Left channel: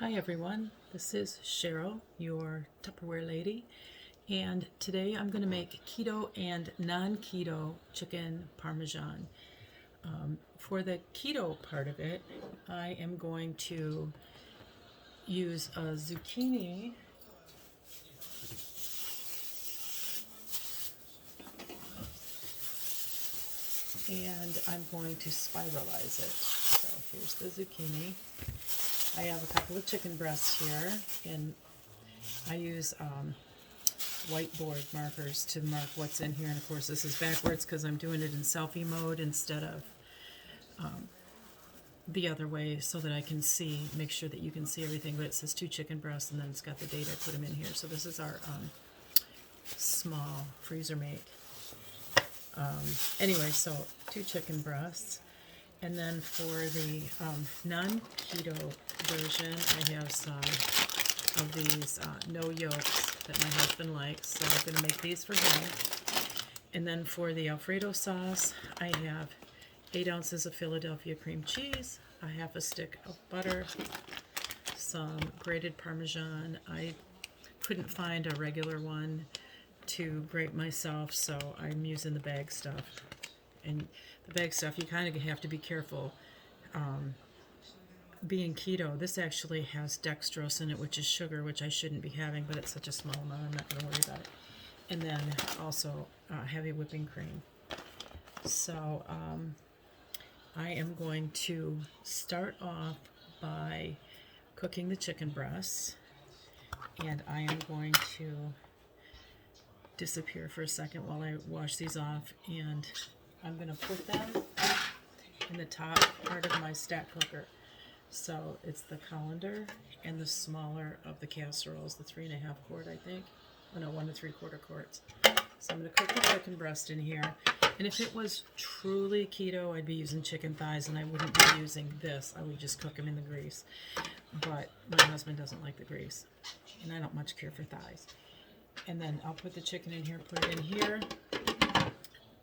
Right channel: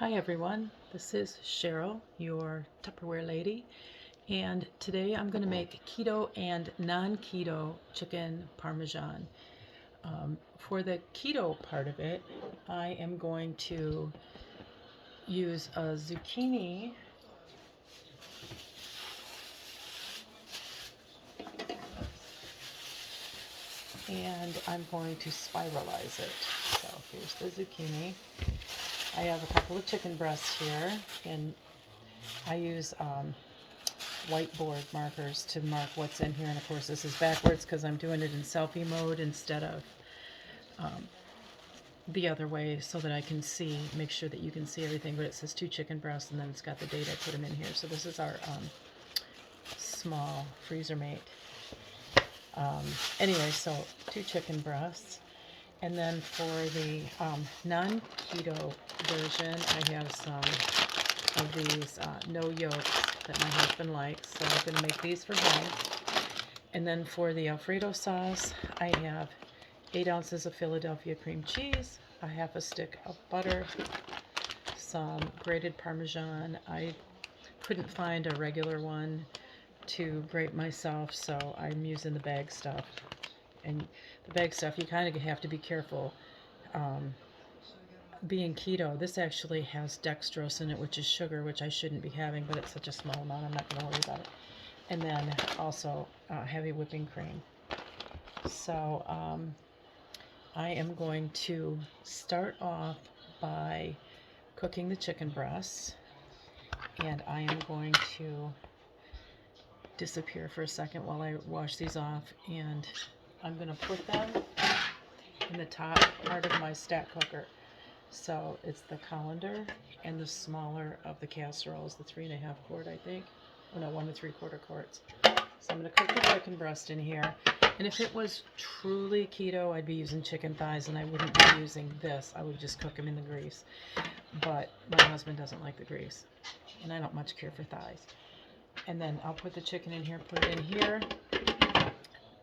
Hi everyone, this is Cheryl, your Tupperware lady, and today I'm going to make keto and non-keto chicken parmesan. For the keto part of it, I am going to use a zucchini and I'm going to spiralize it. So here's the zucchini. I have a couple of chicken breasts here, and I use whiteboard markers to mark what's in here. And of course this is backwards because I'm doing it in selfie mode instead of the other way, so that I can see, make sure that you can see everything. But it says 2 chicken breasts, and then it's got the date. I put them in here. So this is our small freezer mate. Anyway, so 2 chicken breasts. And then for the non-keto version, I have some of these no yolks that my husband likes, so I'm going to make these for him. And then for the Alfredo sauce, I have 8 ounces of Philadelphia cream cheese, a half a stick of butter, some grated Parmesan. I couldn't find a regular one to grate myself, so I'm using the bag stuff. And the bag stuff, you kind of have to be careful. Being keto, this actually has dextrose in it, which is sugar, which I shouldn't be having, but it's such a small amount, I'm not going to worry about it. And then also heavy whipping cream. So I am going to start off by cooking the chicken breasts, and I am going to disappear for a second while I wash these off, and I'm going to put them in the top part of my stack cooker. So it's the colander and the smaller of the casseroles, the 3.5 quart, I think. Oh no, 1 3/4 quarts. So I'm going to cook the chicken breast in here. And if it was truly keto, I'd be using chicken thighs, and I wouldn't be using this. I would just cook them in the grease. But my husband doesn't like the grease, and I don't much care for thighs. And then I'll put the chicken in here, put it in here.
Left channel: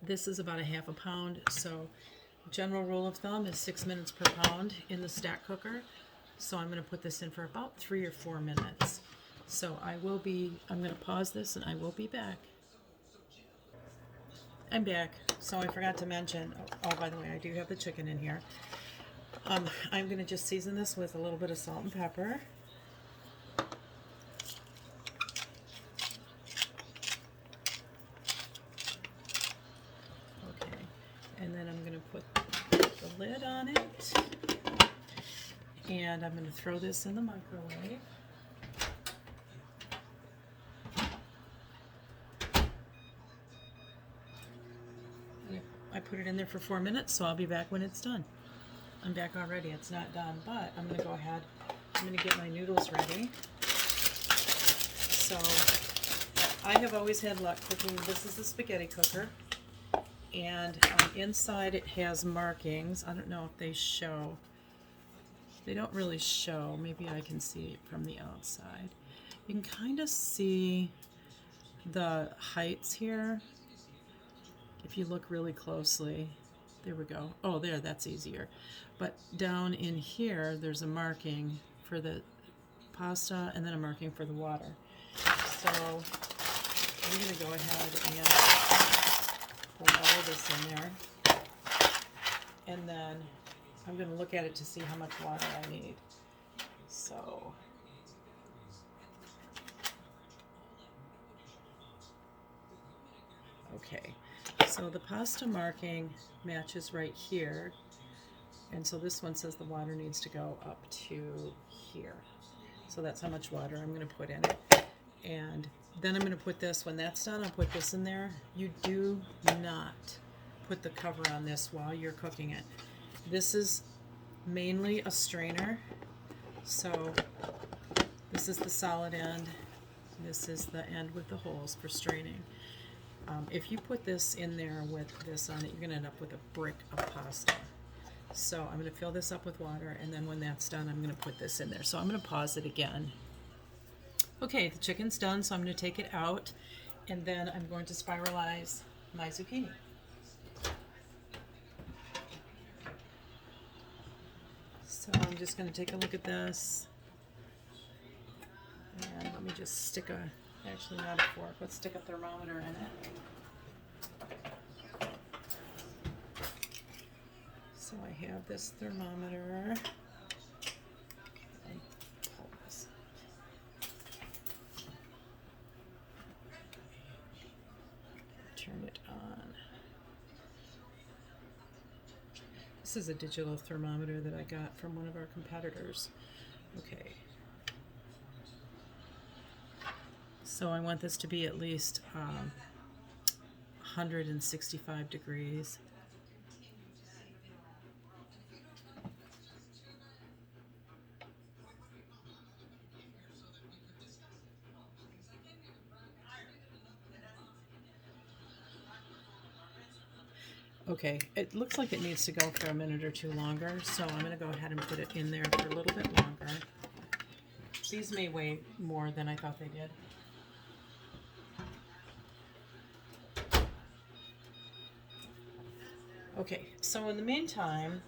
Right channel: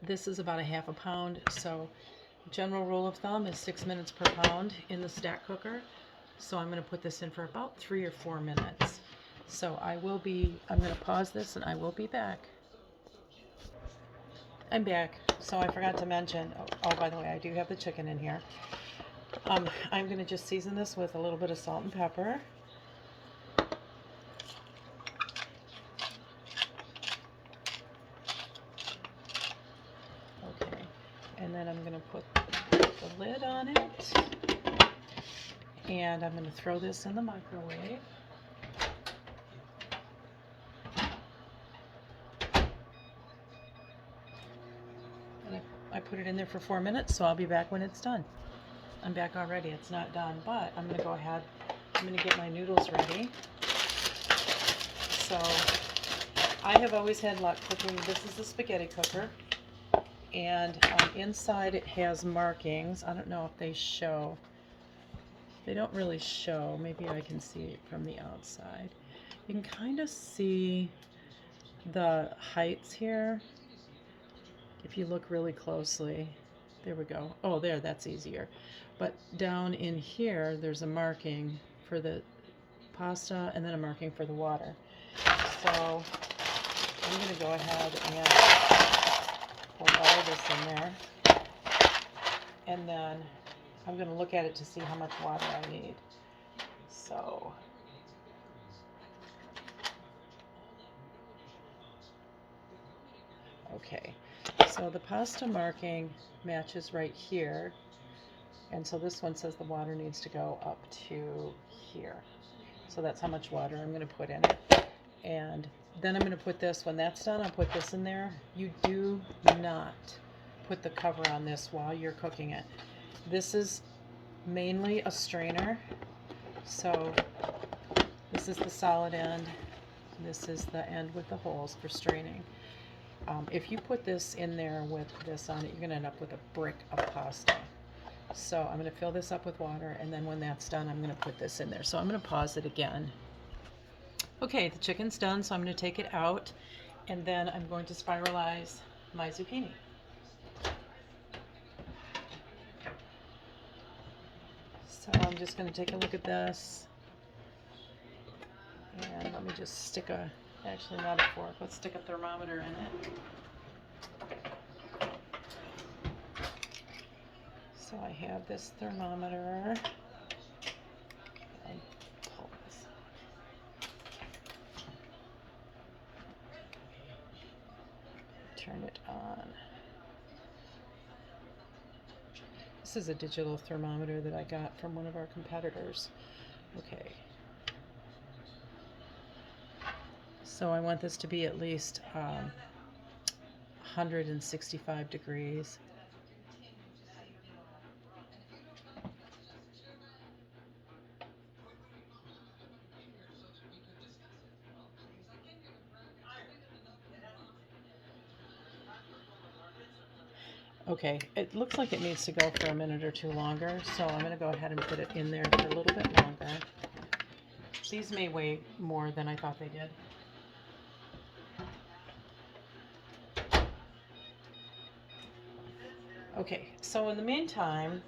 This is about a half a pound, so general rule of thumb is 6 minutes per pound in the stack cooker. So I'm going to put this in for about 3 or 4 minutes. So I'm going to pause this and I will be back. I'm back. So I forgot to mention, oh, by the way, I do have the chicken in here. I'm going to just season this with a little bit of salt and pepper. Okay. And then I'm going to put the lid on it. And I'm going to throw this in the microwave. And I put it in there for 4 minutes, so I'll be back when it's done. I'm back already. It's not done, but I'm going to go ahead. I'm going to get my noodles ready. So I have always had luck cooking. This is the spaghetti cooker. And inside it has markings. I don't know if they show. They don't really show. Maybe I can see it from the outside. You can kind of see the heights here if you look really closely. There we go. Oh, there, that's easier. But down in here, there's a marking for the pasta and then a marking for the water. So I'm going to go ahead and put all of this in there. And then I'm going to look at it to see how much water I need. So okay, so the pasta marking matches right here, and so this one says the water needs to go up to here. So that's how much water I'm going to put in it. And then I'm going to put this, when that's done, I'll put this in there. You do not put the cover on this while you're cooking it. This is mainly a strainer. So this is the solid end. This is the end with the holes for straining. If you put this in there with this on it, you're going to end up with a brick of pasta. So I'm going to fill this up with water, and then when that's done, I'm going to put this in there. So I'm going to pause it again. Okay, the chicken's done, so I'm going to take it out, and then I'm going to spiralize my zucchini. So I'm just going to take a look at this. me just stick a, actually not a fork, let's stick a thermometer in it. So I have this thermometer. Pull this. Turn it on. This is a digital thermometer that I got from one of our competitors. Okay. So I want this to be at least 165 degrees. Okay, it looks like it needs to go for a minute or two longer, so I'm going to go ahead and put it in there for a little bit longer. These may weigh more than I thought they did. Okay, so in the meantime,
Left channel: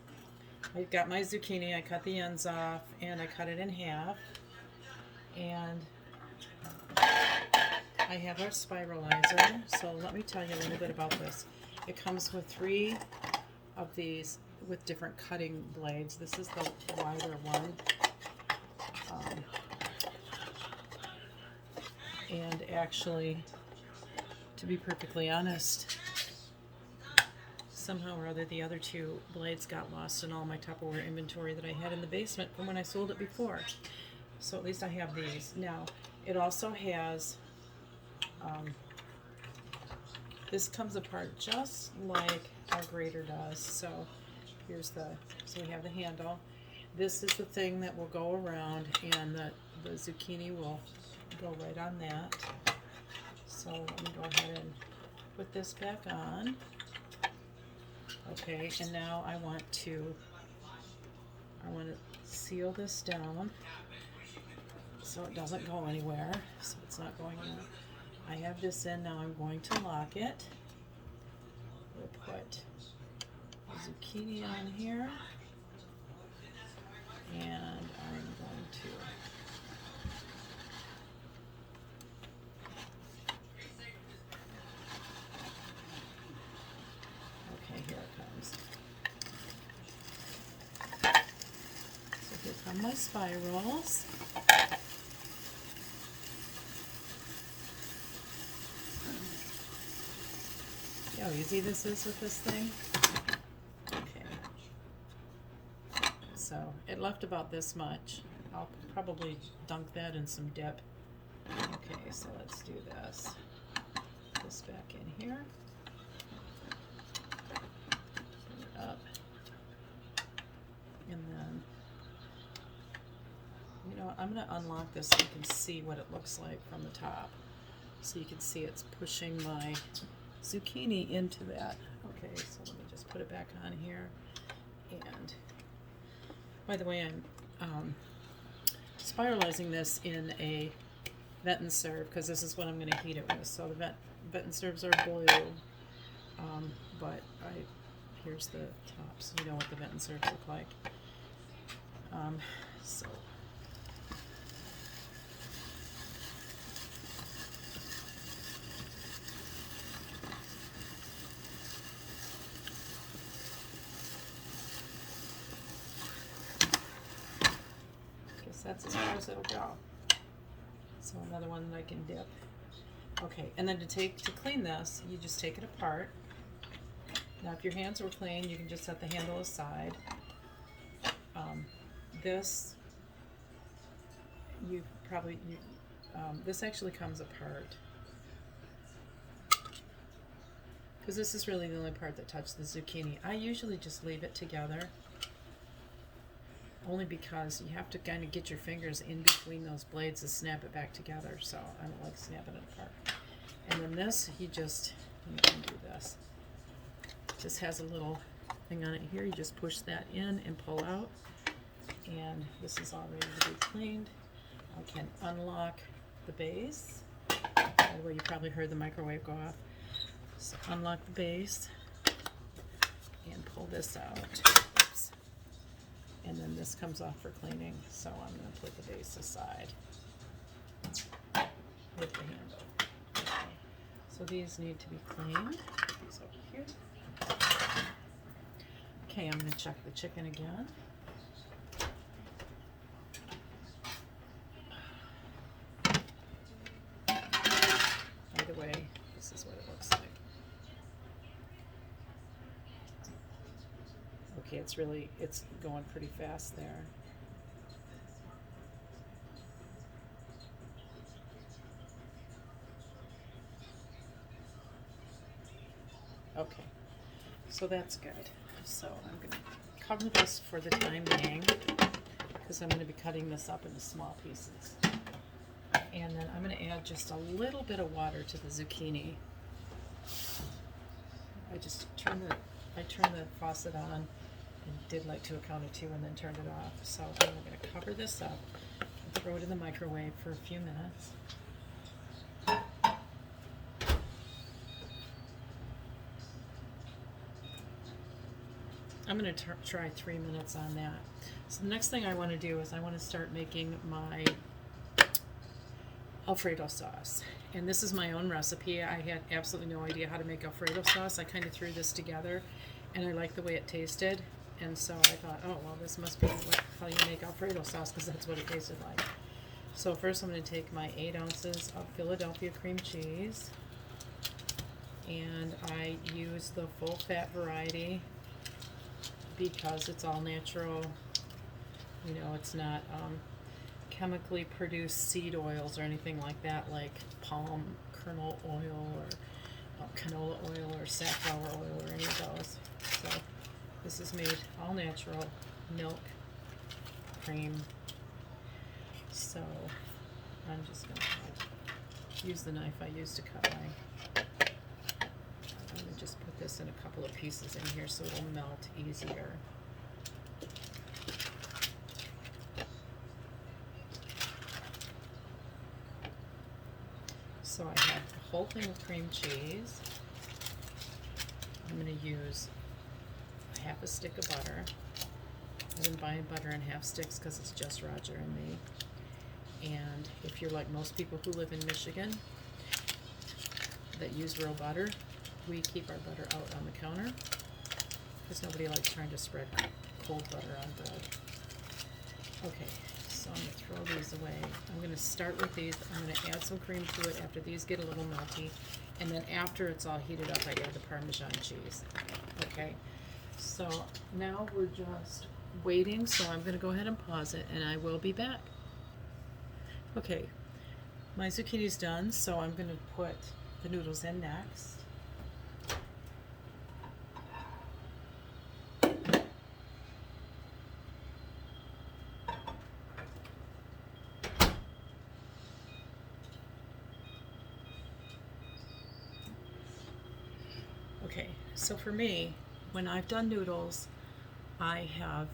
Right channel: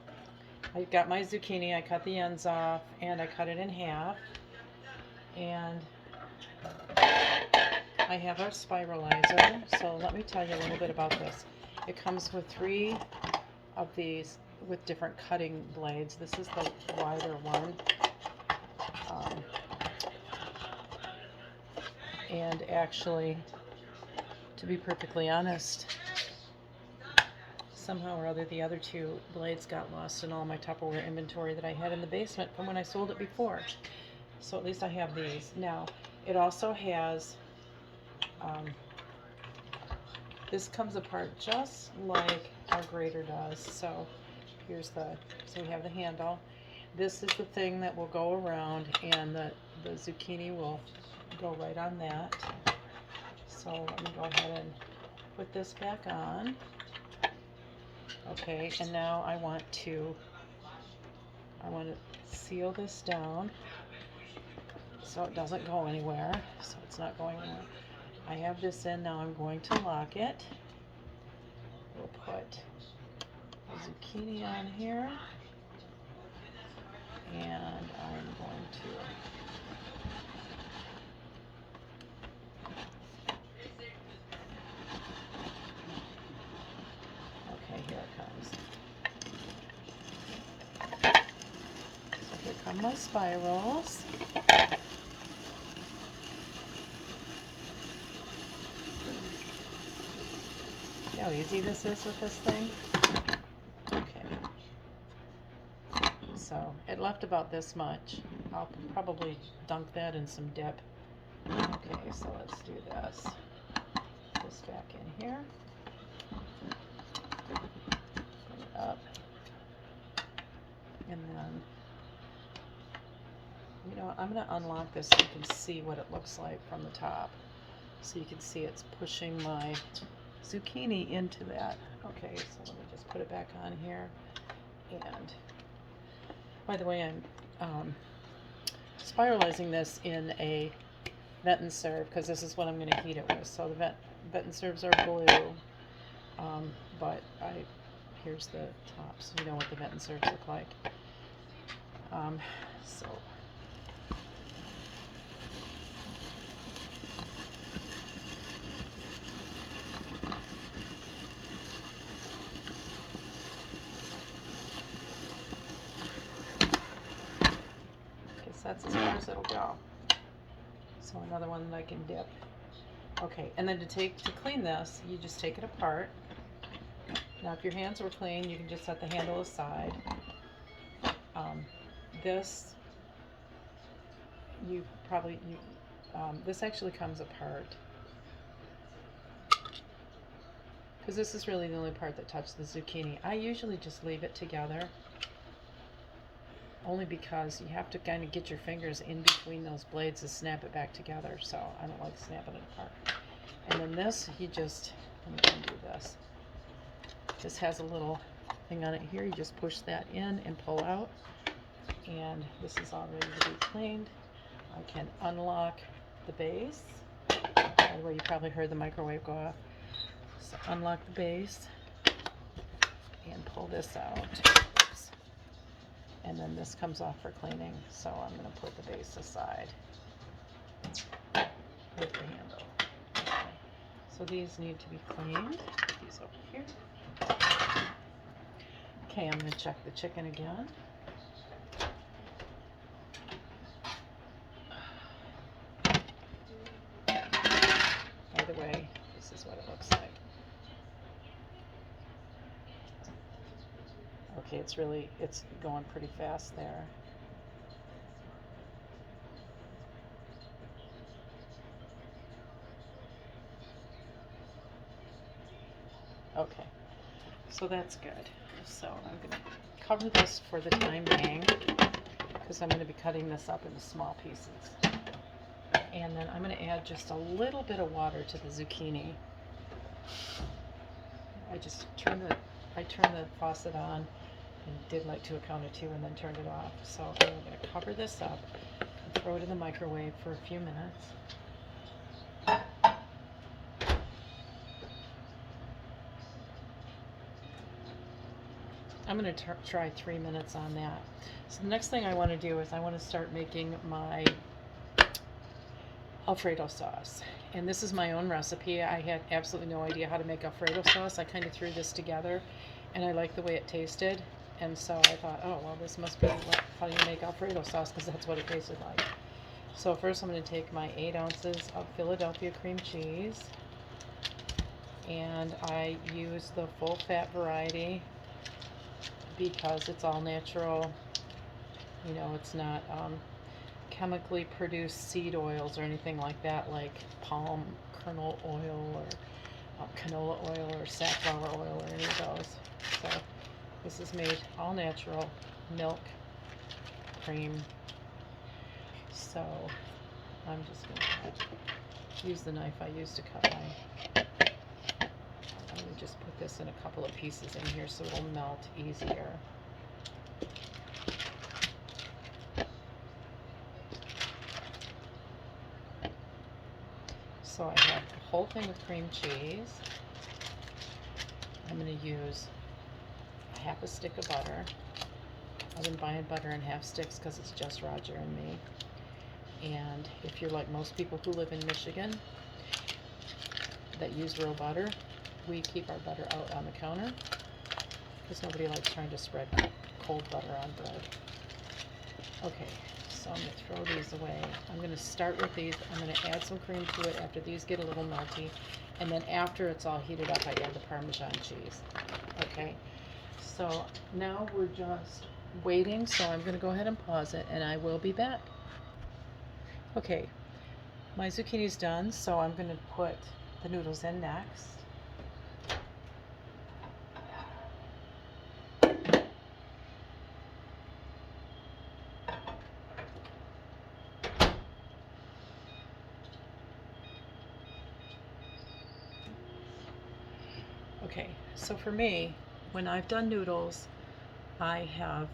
I've got my zucchini. I cut the ends off and I cut it in half. And I have our spiralizer, so let me tell you a little bit about this. It comes with 3 of these with different cutting blades. This is the wider one. And actually, to be perfectly honest, somehow or other the other 2 blades got lost in all my Tupperware inventory that I had in the basement from when I sold it before. So at least I have these. Now, it also has, this comes apart just like our grater does. So here's so we have the handle. This is the thing that will go around, and the zucchini will go right on that. So let me go ahead and put this back on. Okay, and now I want to seal this down so it doesn't go anywhere. So it's not going anywhere. I have this in, now I'm going to lock it. We'll put the zucchini on here, and I'm going to here it comes. So here come my spirals. See how easy this is with this thing? Okay. So it left about this much. I'll probably dunk that in some dip. Okay, so let's do this. Put this back in here. Up, and then, you know, I'm going to unlock this so you can see what it looks like from the top. So you can see it's pushing my zucchini into that. Okay, so let me just put it back on here. And by the way, I'm spiralizing this in a vent and serve because this is what I'm going to heat it with. So the vent and serves are blue, but here's the top, so you know what the vent and serves look like. So that's as far as it'll go. So another one that I can dip. Okay, and then to clean this, you just take it apart. Now, if your hands were clean, you can just set the handle aside. This this actually comes apart because this is really the only part that touches the zucchini. I usually just leave it together, only because you have to kind of get your fingers in between those blades to snap it back together. So I don't like snapping it apart. And then this, let me undo this. This has a little thing on it here. You just push that in and pull out. And this is all ready to be cleaned. I can unlock the base. By the way, you probably heard the microwave go off. So unlock the base and pull this out. Oops. And then this comes off for cleaning. So I'm going to put the base aside. with the handle. Okay. So these need to be cleaned. Put these over here. Okay, I'm going to check the chicken again. By the way, this is what it looks like. Okay, it's going pretty fast there. Okay, so that's good. So I'm going to cover this for the time being because I'm going to be cutting this up into small pieces. And then I'm going to add just a little bit of water to the zucchini. I turned the faucet on and did like to a count of 2 and then turned it off. So I'm going to cover this up and throw it in the microwave for a few minutes. I'm going to try 3 minutes on that. So the next thing I want to do is I want to start making my Alfredo sauce. And this is my own recipe. I had absolutely no idea how to make Alfredo sauce. I kind of threw this together and I liked the way it tasted. And so I thought, oh, well, this must be how you make Alfredo sauce because that's what it tasted like. So first I'm going to take my 8 ounces of Philadelphia cream cheese. And I use the full fat variety because it's all natural. You know, it's not chemically produced seed oils or anything like that, like palm kernel oil or canola oil or safflower oil or any of those. So this is made all natural, milk, cream. So I'm just going to use the knife I used to cut my. I'm going to just put this in a couple of pieces in here so it'll melt easier. So I have a whole thing of cream cheese. I'm going to use half a stick of butter. I've been buying butter in half sticks because it's just Roger and me. And if you're like most people who live in Michigan that use real butter, we keep our butter out on the counter because nobody likes trying to spread cold butter on bread. Okay. So I'm going to throw these away. I'm going to start with these. I'm going to add some cream to it after these get a little melty. And then after it's all heated up, I add the Parmesan cheese. Okay, so now we're just waiting. So I'm going to go ahead and pause it and I will be back. Okay, my zucchini's done. So I'm going to put the noodles in next. Okay, so for me, when I've done noodles, I have,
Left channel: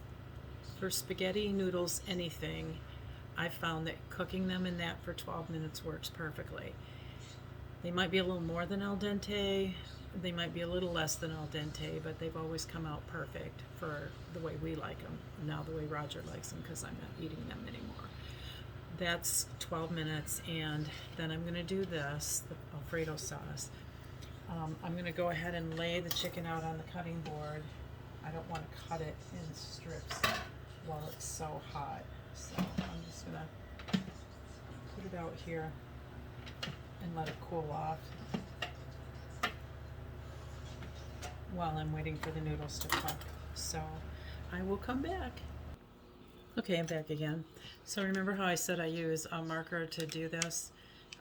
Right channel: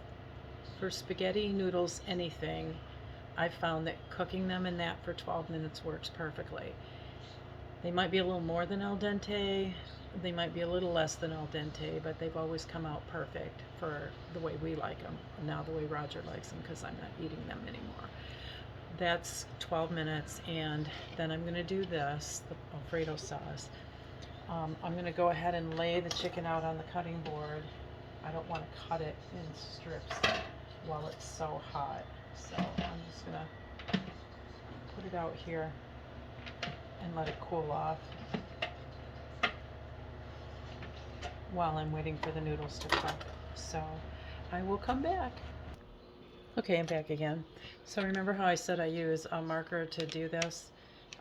for spaghetti, noodles, anything, I've found that cooking them in that for 12 minutes works perfectly. They might be a little more than al dente, they might be a little less than al dente, but they've always come out perfect for the way we like them, now the way Roger likes them because I'm not eating them anymore. That's 12 minutes, and then I'm going to do this, the Alfredo sauce. I'm going to go ahead and lay the chicken out on the cutting board. I don't want to cut it in strips while it's so hot. So I'm just going to put it out here and let it cool off while I'm waiting for the noodles to cook. So I will come back. Okay, I'm back again. So remember how I said I use a marker to do this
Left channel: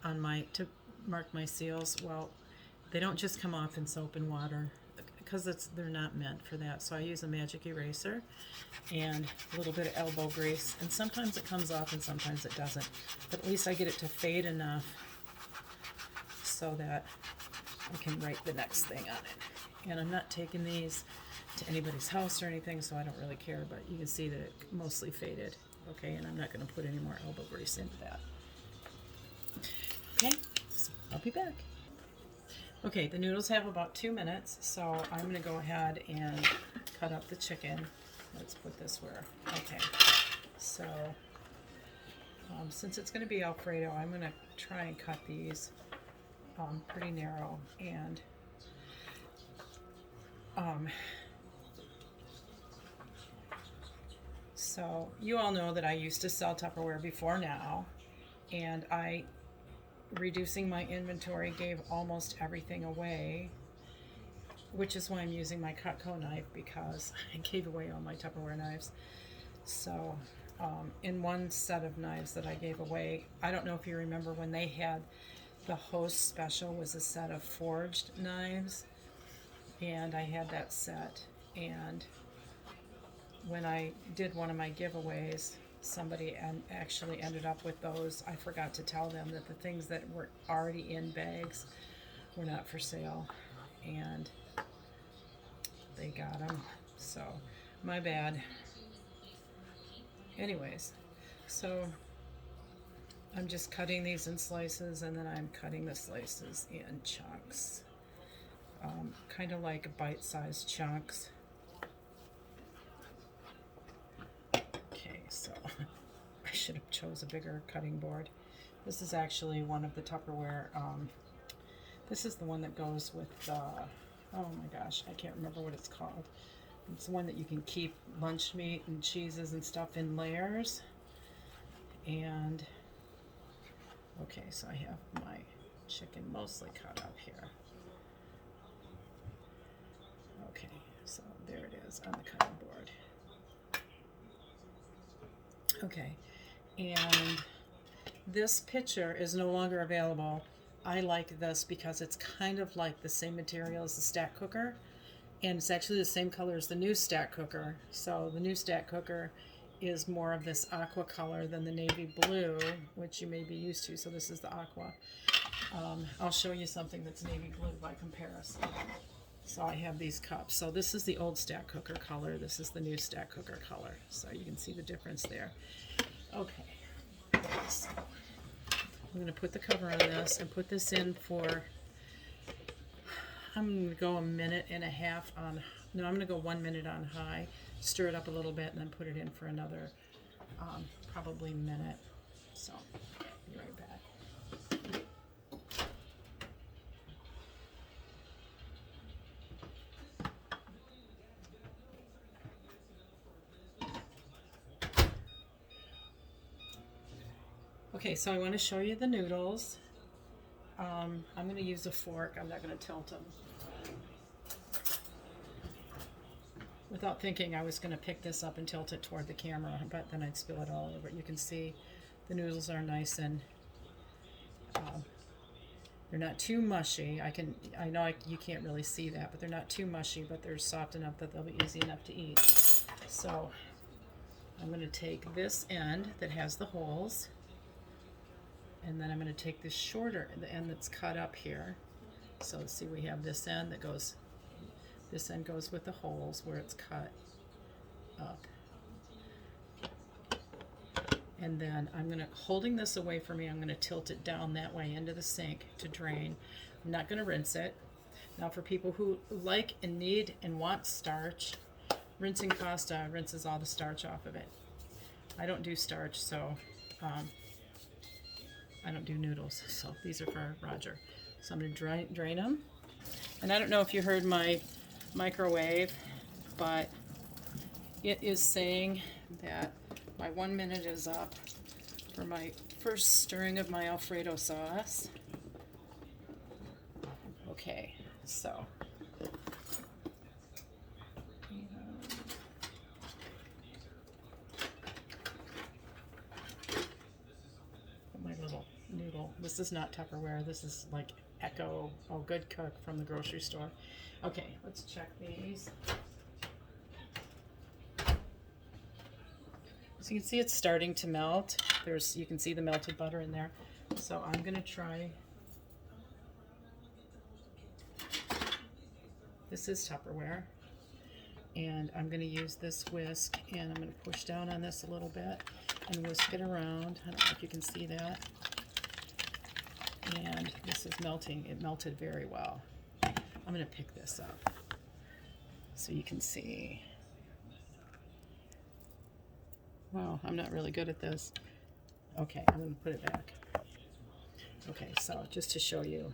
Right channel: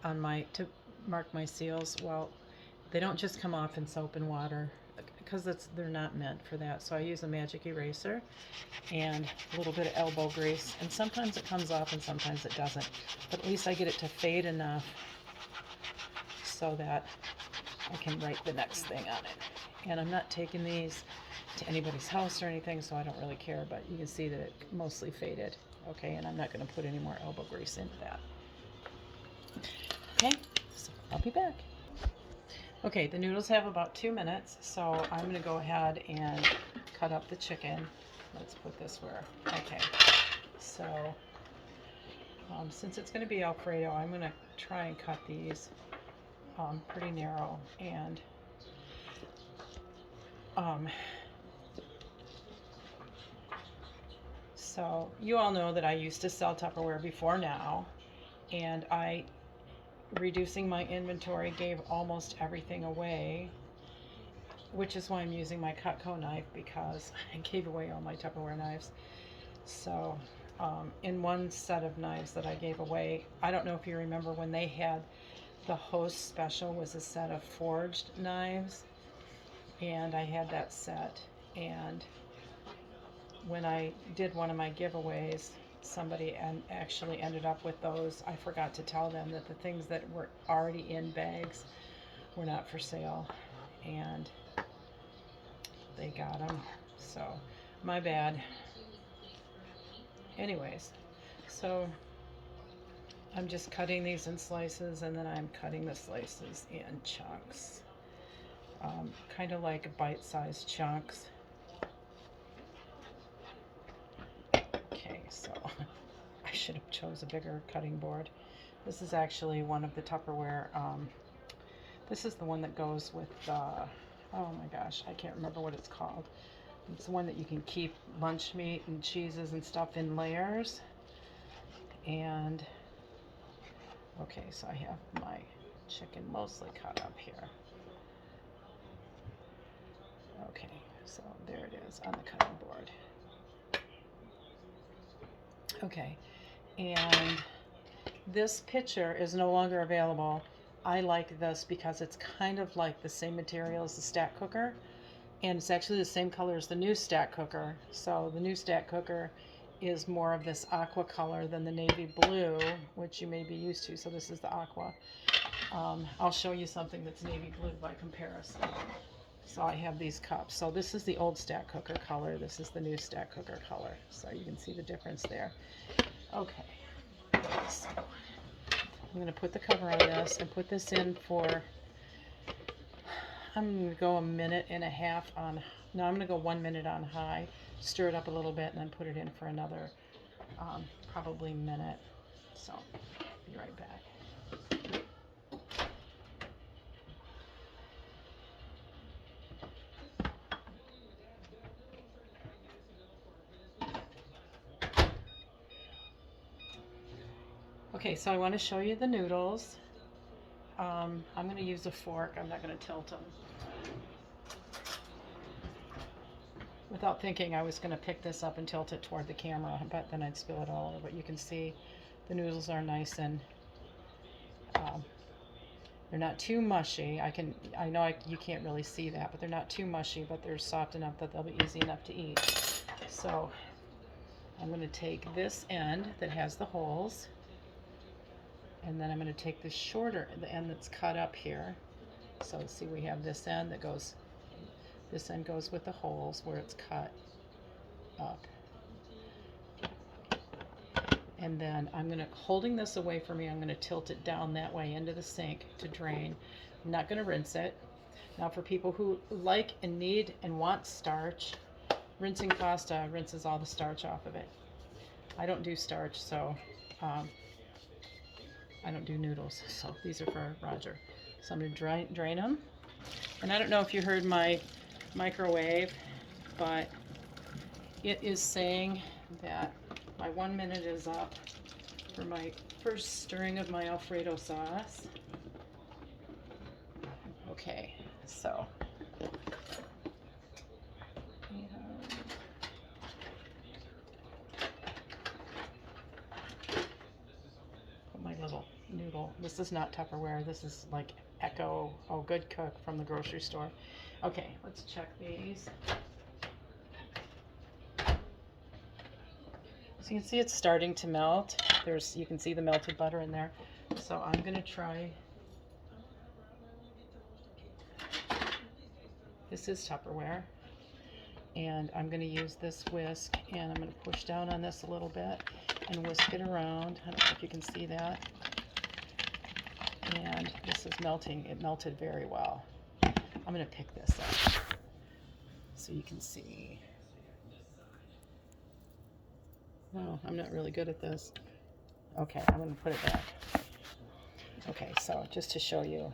on to mark my seals? Well, they don't just come off in soap and water because they're not meant for that. So I use a magic eraser and a little bit of elbow grease, and sometimes it comes off and sometimes it doesn't. But at least I get it to fade enough so that I can write the next thing on it. And I'm not taking these to anybody's house or anything, so I don't really care, but you can see that it mostly faded. Okay, and I'm not going to put any more elbow grease into that. Okay, so I'll be back. Okay, the noodles have about 2 minutes, so I'm going to go ahead and cut up the chicken. Let's put this where, okay, so since it's going to be Alfredo, I'm going to try and cut these pretty narrow. And so you all know that I used to sell Tupperware before now, and reducing my inventory gave almost everything away, which is why I'm using my Cutco knife, because I gave away all my Tupperware knives. So in one set of knives that I gave away, I don't know if you remember when they had the host special, was a set of forged knives, and I had that set. And when I did one of my giveaways, somebody actually ended up with those. I forgot to tell them that the things that were already in bags were not for sale, and they got them. So my bad. Anyways, so I'm just cutting these in slices, and then I'm cutting the slices in chunks, kind of like bite-sized chunks. Okay, so I should have chose a bigger cutting board. This is actually one of the Tupperware. This is the one that goes with oh my gosh, I can't remember what it's called. It's the one that you can keep lunch meat and cheeses and stuff in layers. And okay, so I have my chicken mostly cut up here. Okay, so there it is on the cutting board. Okay, and this picture is no longer available. I like this because it's kind of like the same material as the stack cooker, and it's actually the same color as the new stack cooker. So the new stack cooker is more of this aqua color than the navy blue, which you may be used to. So this is the aqua. I'll show you something that's navy blue by comparison. So I have these cups. So this is the old stack cooker color. This is the new stack cooker color. So you can see the difference there. Okay. So I'm going to put the cover on this and put this in for, I'm going to go 1.5 minutes on, no, I'm going to go 1 minute on high, stir it up a little bit, and then put it in for another probably minute. So be right back. Okay, so I want to show you the noodles. I'm going to use a fork. I'm not going to tilt them. Without thinking, I was going to pick this up and tilt it toward the camera, but then I'd spill it all over. You can see the noodles are nice and they're not too mushy. I know you can't really see that, but they're not too mushy, but they're soft enough that they'll be easy enough to eat. So I'm going to take this end that has the holes, and then I'm going to take this shorter, the end that's cut up here. So let's see, we have this end that goes, this end goes with the holes where it's cut up. And then I'm going to, holding this away from me, I'm going to tilt it down that way into the sink to drain. I'm not going to rinse it. Now for people who like and need and want starch, rinsing pasta rinses all the starch off of it. I don't do starch, so I don't do noodles, so these are for Roger. So I'm going to drain them. And I don't know if you heard my microwave, but it is saying that my 1 minute is up for my first stirring of my Alfredo sauce. Okay, so put my little noodle. This is not Tupperware. This is like Echo, Good Cook from the grocery store. Okay, let's check these. So you can see it's starting to melt. You can see the melted butter in there. So I'm going to try. This is Tupperware. And I'm going to use this whisk, and I'm going to push down on this a little bit and whisk it around. I don't know if you can see that. And this is melting. It melted very well. I'm going to pick this up so you can see. Oh, I'm not really good at this. Okay, I'm going to put it back. Okay, so just to show you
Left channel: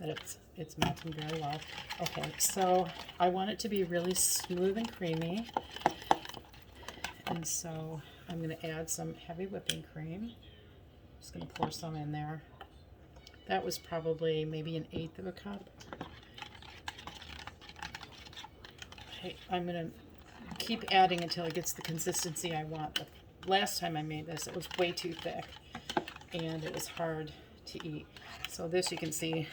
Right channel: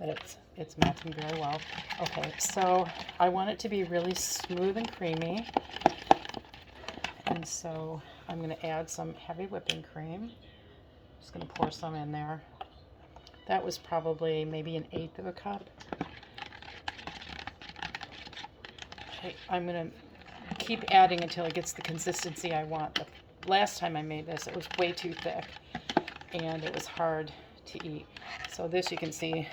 that it's melting very well. Okay, so I want it to be really smooth and creamy. And so I'm going to add some heavy whipping cream. Just going to pour some in there. That was probably maybe 1/8 of a cup. I'm going to keep adding until it gets the consistency I want. The last time I made this, it was way too thick and it was hard to eat. So this, you can see,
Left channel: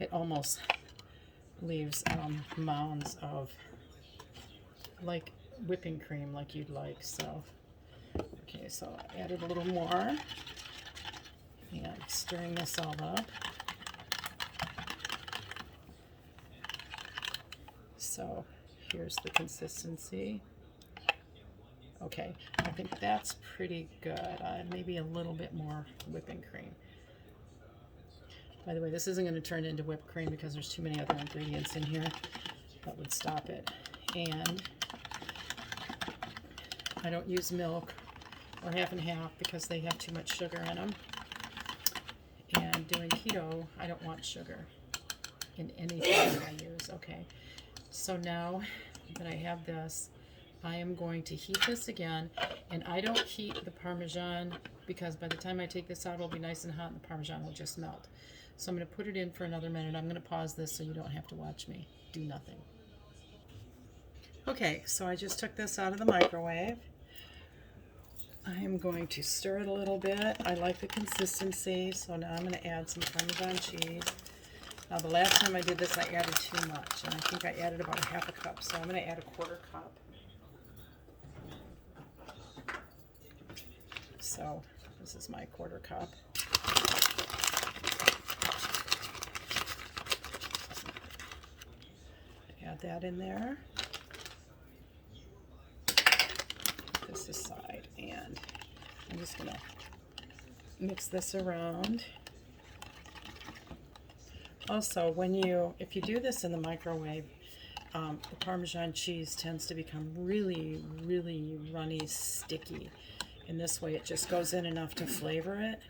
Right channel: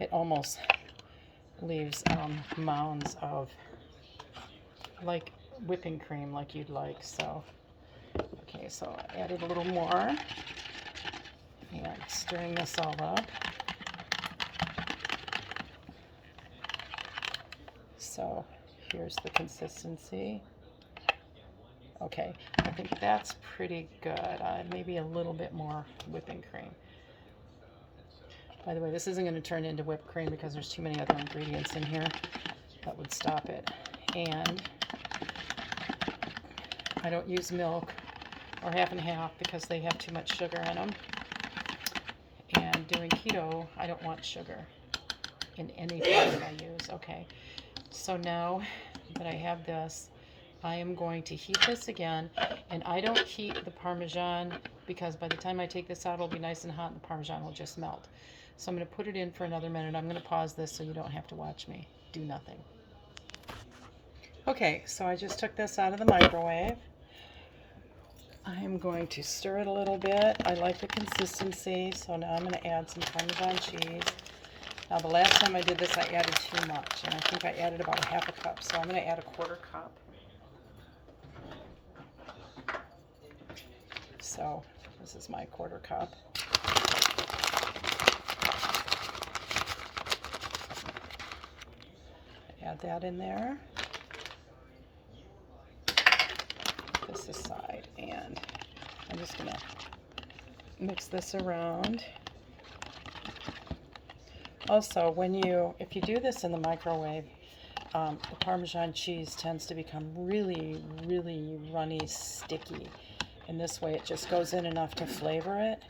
it almost leaves mounds of like whipping cream like you'd like. So okay, so I added a little more and stirring this all up. So here's the consistency. Okay, I think that's pretty good. Maybe a little bit more whipping cream. By the way, this isn't going to turn into whipped cream because there's too many other ingredients in here that would stop it. And I don't use milk or half and half because they have too much sugar in them. And doing keto, I don't want sugar in anything that I use. Okay, so now that I have this, I am going to heat this again. And I don't heat the Parmesan because by the time I take this out, it'll be nice and hot and the Parmesan will just melt. So I'm going to put it in for another minute. I'm going to pause this so you don't have to watch me do nothing. Okay, so I just took this out of the microwave. I'm going to stir it a little bit. I like the consistency, so now I'm going to add some Parmesan cheese. Now the last time I did this, I added too much, and I think I added about 1/2 cup, so I'm going to add 1/4 cup. So this is my 1/4 cup. Add that in there. This aside, and I'm just gonna mix this around. Also, if you do this in the microwave, the Parmesan cheese tends to become really, really runny, sticky. And this way it just goes in enough to flavor it,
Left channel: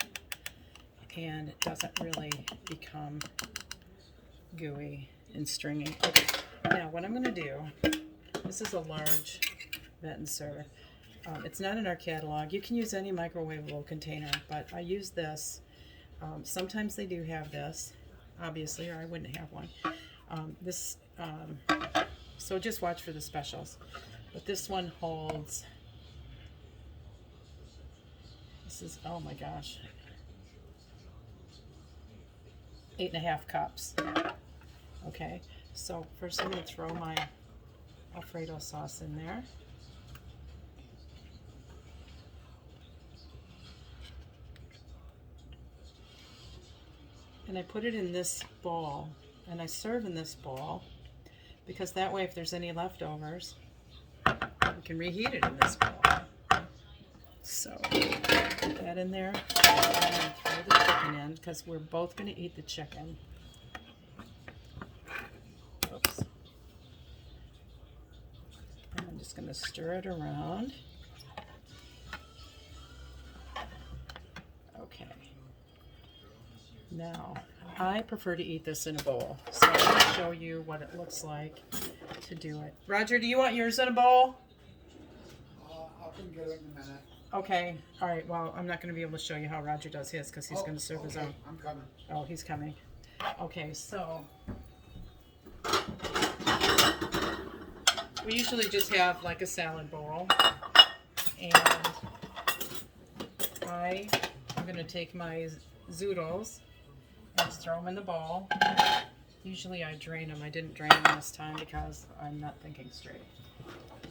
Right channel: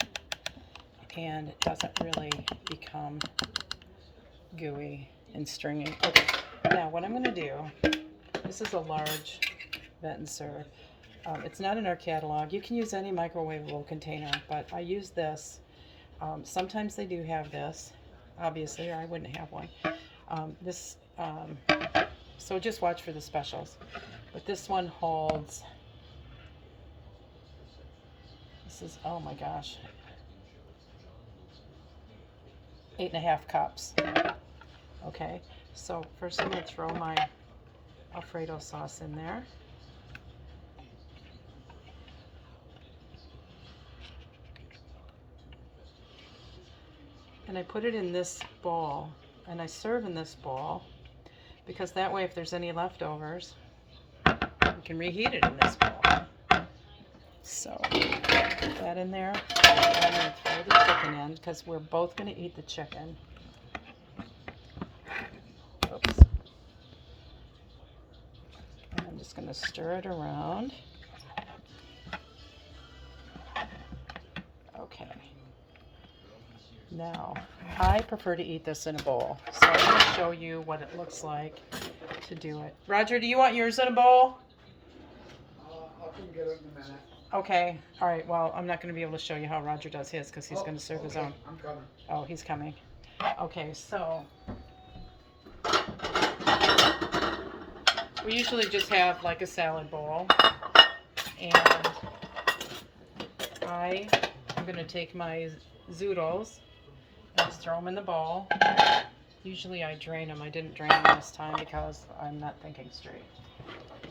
and it doesn't really become gooey and stringy. Okay, now what I'm gonna do, this is a large vet and serve. It's not in our catalog. You can use any microwavable container, but I use this. Sometimes they do have this, obviously, or I wouldn't have one. So just watch for the specials. But this one holds, this is, oh my gosh, 8.5 cups. Okay, so first I'm going to throw my Alfredo sauce in there. And I put it in this bowl, and I serve in this bowl because that way if there's any leftovers, we can reheat it in this bowl. So put that in there. I'm going to throw the chicken in because we're both going to eat the chicken. Oops. And I'm just going to stir it around. Okay. Now, I prefer to eat this in a bowl, so I'm going to show you what it looks like to do it. Roger, do you want yours in a bowl? I can get it in a minute. Okay, all right, well, I'm not going to be able to show you how Roger does his because he's going to serve his own. I'm coming. Oh, he's coming. Okay, so we usually just have like a salad bowl, and I'm going to take my zoodles and just throw them in the bowl. Usually I drain them. I didn't drain them this time because I'm not thinking straight.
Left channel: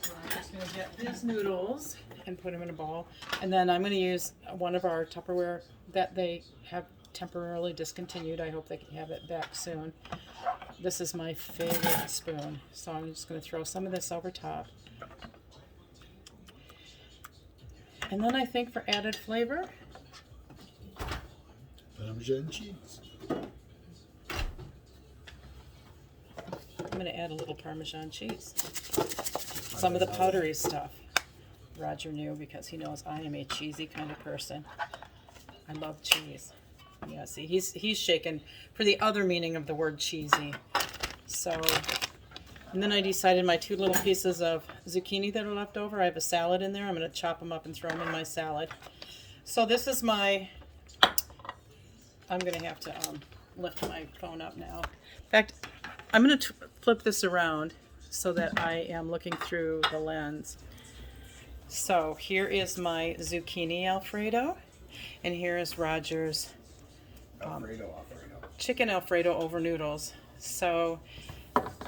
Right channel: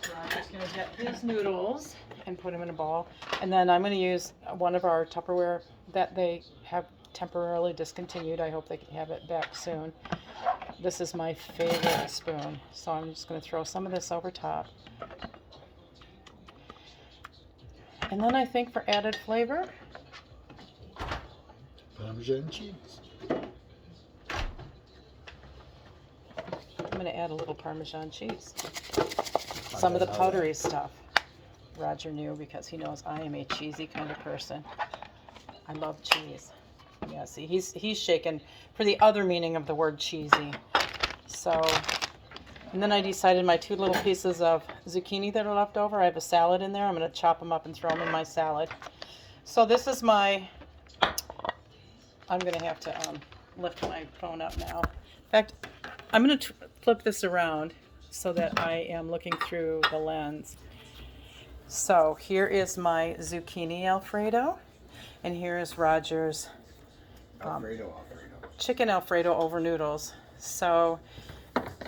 So I'm just going to get these noodles and put them in a bowl. And then I'm going to use one of our Tupperware that they have temporarily discontinued. I hope they can have it back soon. This is my favorite spoon. So I'm just going to throw some of this over top. And then I think for added flavor, Parmesan cheese. I'm going to add a little Parmesan cheese. Some of the powdery stuff Roger knew because he knows I am a cheesy kind of person. I love cheese. Yeah, see, he's shaken for the other meaning of the word cheesy. So, and then I decided my 2 little pieces of zucchini that are left over, I have a salad in there. I'm going to chop them up and throw them in my salad. So this is my, I'm going to have to lift my phone up now. In fact, I'm going to flip this around so that I am looking through the lens. So here is my zucchini Alfredo, and here is Roger's Alfredo. chicken Alfredo over noodles. So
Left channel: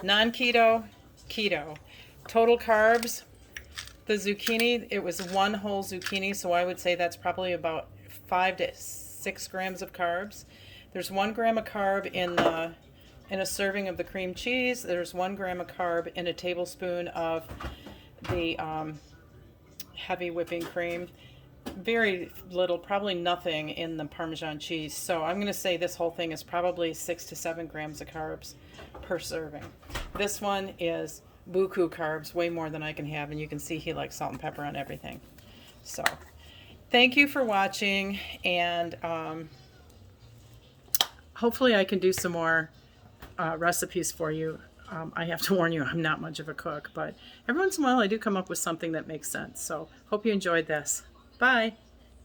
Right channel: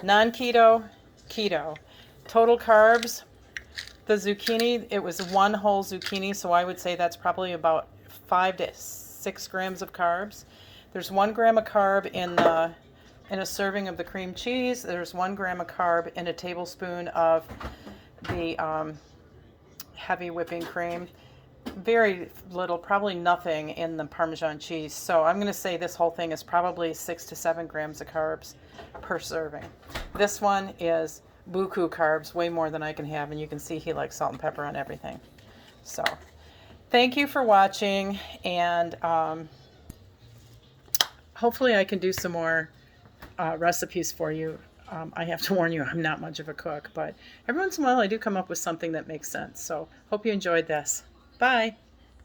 non-keto, keto. Total carbs, the zucchini, it was 1 whole zucchini, so I would say that's probably about 5 to 6 grams of carbs. There's 1 gram of carb in a serving of the cream cheese. There's 1 gram of carb in a tablespoon of the heavy whipping cream. Very little, probably nothing in the Parmesan cheese. So I'm going to say this whole thing is probably 6 to 7 grams of carbs per serving. This one is buku carbs, way more than I can have, and you can see he likes salt and pepper on everything. So thank you for watching, and hopefully I can do some more recipes for you. I have to warn you, I'm not much of a cook, but every once in a while I do come up with something that makes sense. So hope you enjoyed this. Bye.